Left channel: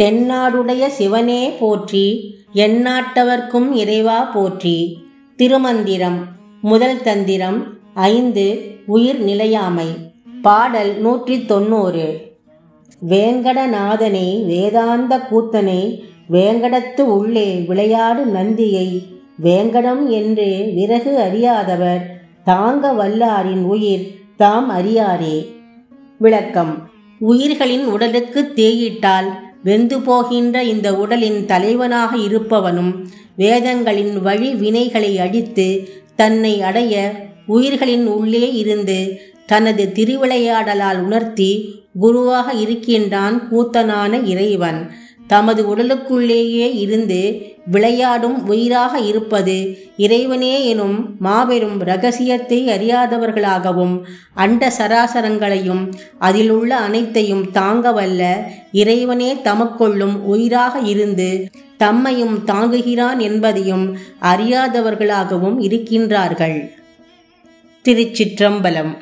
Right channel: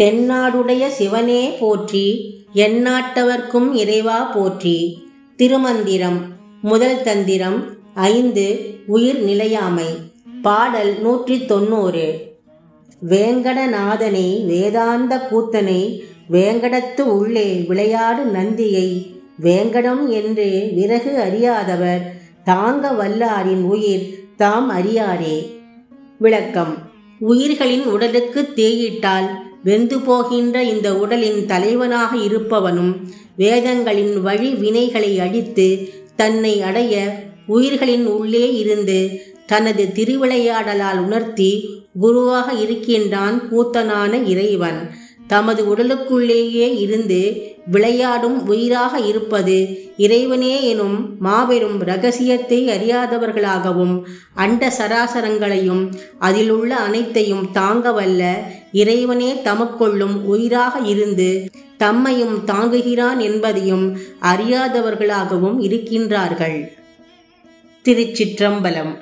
தென்னாடுடைய சிவனே போற்றி, எந்நாட்டவர்க்கும் இறைவா போற்றி. திருமந்திரம். முதல் தந்திரம் 5. உயிர் நிலையாமை. பாடல் 190. வேங்கடநாதனை வேதாந்த கூத்தனை, வேங்கடத்து உள்ளே விளையாடு நந்தியை, வேங்கடம் என்று விறகு அறியாதவர், தாங்க வல்லாரின் உயிர் தாம் அறியாரே. விளக்கம். உயிர்களின் உடலுக்கு தேயிட்டால் வெந்து போகின்ற இந்த உடலின் தலைவனாக இருப்பவனும், வேதங்களின் வழி வினைகளை அழித்து தன்னை அடைய உயிர்களின் உள்ளே இருந்து தனது திருவிளையாடலால் உணர்த்தி குருவாக இருக்கின்றான் கூத்தனான இறைவன். தமது உடலுக்குள்ளேயே இருந்து விளையாடும் உயிராக இருப்பது இறைவனே எனும் மாபெரும் இரகசியத்தை அறியாதவர்களாகவும், அண்ட சராசரங்களையும் அதில் உள்ள அனைத்தையும் தாங்க வல்ல இறைவனே தமக்குள்ளும் உயிராக இருந்து தம்மையும் தாங்குகிறான் என்பதையும் அறியாதவர்களாகவும் இருக்கின்றார்கள். திருச்சிற்றம்பலம்.